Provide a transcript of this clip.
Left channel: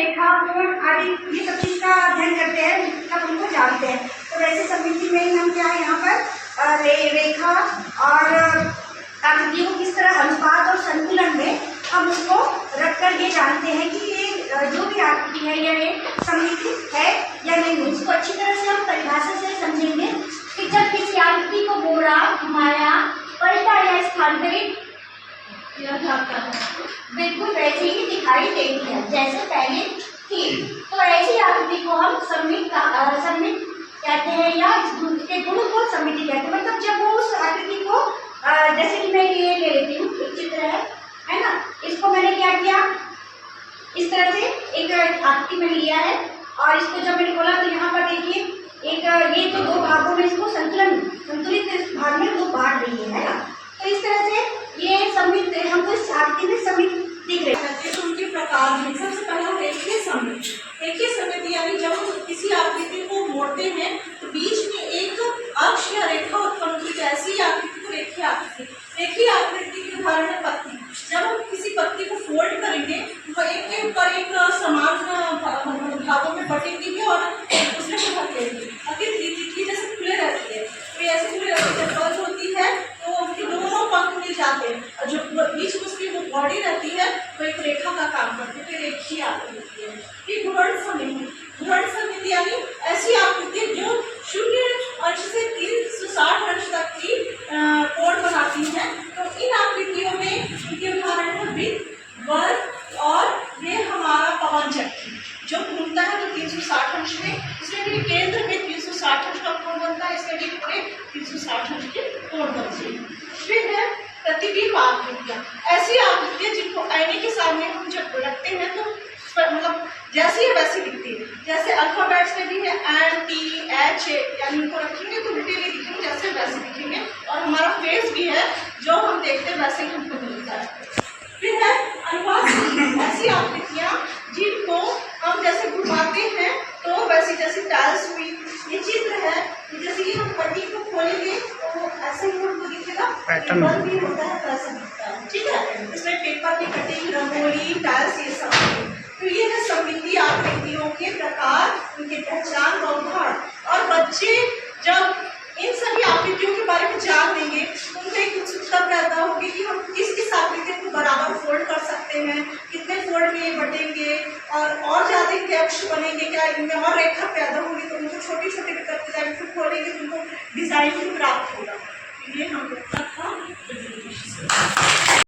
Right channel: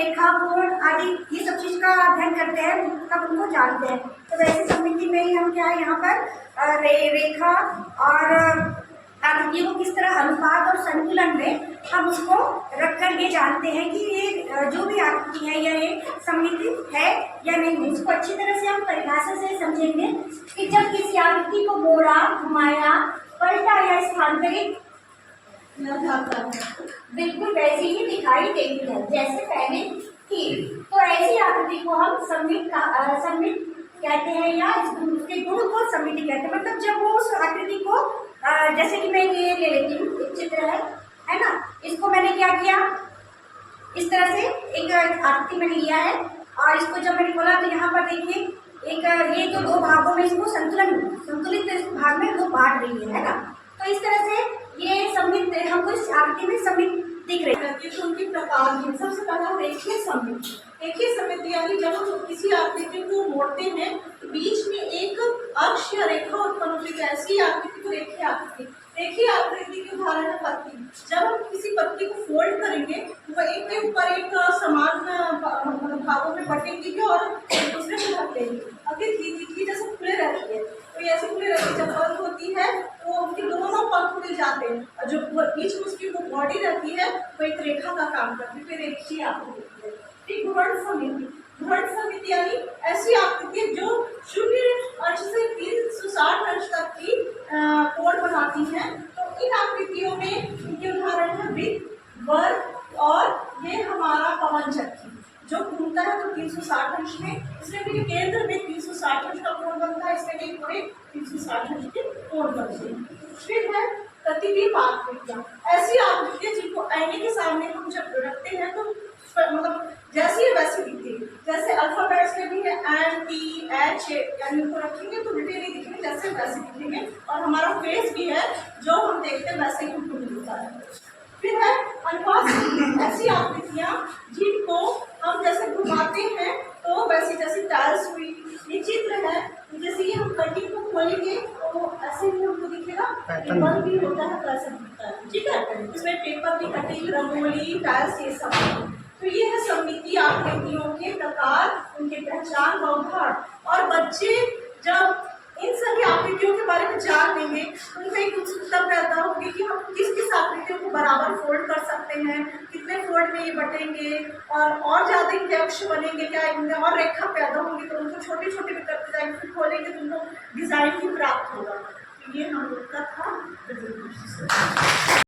रेखा, कोण आदि ये सब चीज़ का अध्ययन करते हैं, मतलब उनको जानते हैं। तो वैसे सममिति में ही हम क्या है यहाँ पर रेखा और आकृतियों को किस तरह अनुपात और संतुलन में हम उसको रख कर ये जानते हैं कि ये जो भी आकृति है या ये सममिति है या नहीं। उसको अच्छी तरह से हम परिभाषा से समझेंगे कि जब किसी आकृति को मोड़ा, घुमाया, पलटा या स्थानांतरित किया जाता है बिल्कुल वैसे ही दिखाई देती है जैसे पहले थी। तो ऐसी आकृति को हम सममित कहते हैं या इसके गुण को सममिति कहते हैं। मतलब जब वो उस आकृति को जैसे कि मैं ये ले लेती हूँ, एक चित्र है ना, इसको मैंने क्या किया, इस तरह से एक आकृति मैंने लिया है और इसको जब मैंने खोला तो यहाँ पर देखिए एक ये तो दो भागों में इसको संतुलित भाग में दो बांट रही है ना। तो इस तरह से ये सममित हमको इस आकृति में सममित दिख रही है। तो उनके प्रकार हैं। सबसे पहला रेखीय सममिति। रेखीय सममिति यानी जब हम किसी आकृति को मोड़ते हैं तो बीच में एक अक्ष या रेखा उत्पन्न होती है, ऐसी आकृति को रेखीय आकृति। रेखीय आकृति के उदाहरण है पत्ती। जब हम किसी पत्ती को फोल्ड करेंगे तो एक के ऊपर एक समान भागों में बटेंगी और दूसरे को ढक लेंगी। अगर तिथि जैसे खुले रहती है तो ऐसे खुले रहती है, बंद होती है तो उनके दोनों पंख खुले जाते हैं और जो बीच में उसकी वो बॉडी रहती है वो एक रेखा का काम करती है, रेखीय आकृति है। फिर घूर्ण सममिति। घूर्ण सममिति यानी ऐसी आकृति जो 0 अंश से 360 अंश तक की कोण बनाती हैं। तो इन आकृतियों में इनके उदाहरण है वृत्त, वर्ग और ये हमारा पवन चक्की जो घूमता है तो 360 अंश में, इसमें भी केंद्र में 360 अंश का कोण बनता है, इसमें भी पूरे 360 अंश के कोण बनते हैं। फिर है प्रतिबिंब आकृतियाँ। ऐसी आकृतियाँ जिनको आईने के सामने हम जब रखते हैं तो मतलब जैसी है वैसी दिखती है। जैसे अल्फाबेट्स में भी है N, T, H यानी उनको रखेंगे तो उल्टे नहीं दिखेंगे, जैसे वैसे दिखेंगे। और हमारा फेस भी है जो हम देखते हैं वैसे ही हमको मिलता है। फिर है अनुपात। ऐसी आकृतियाँ जिनको हम जैसे घुमाते हैं तो वैसी जैसे टाइल्स हुई, ये चित्र है, जैसे कि हम पट्टी को खोलेंगे तो वो ऐसे ही हमको दिखेगा, बंद भी होता है तो ऐसा दिखता है। ठीक है, इसमें पेपर की कटिंग, रंगोली, टाइल्स ये सब। तो ये है सममिति आकृतियों के प्रकार, उनकी पहचान व उदाहरण। और बच्चे जब इन सभी आकृतियों के बारे में जान लेंगे तो उनको एक उत्सुकता पैदा होगी कि हम किस किस आकृतियों को बराबर फोल्ड कर सकते हैं, कितने फोल्ड में ये बटेंगे और ज़्यादा इनके अक्ष बनेंगे, क्या इनमें और रेखा पैदा होगी तो उनको छोटे छोटे भी करते जाएंगे, फिर खोलेंगे तो उनको डिजाइन भी प्राप्त होगा। ये हम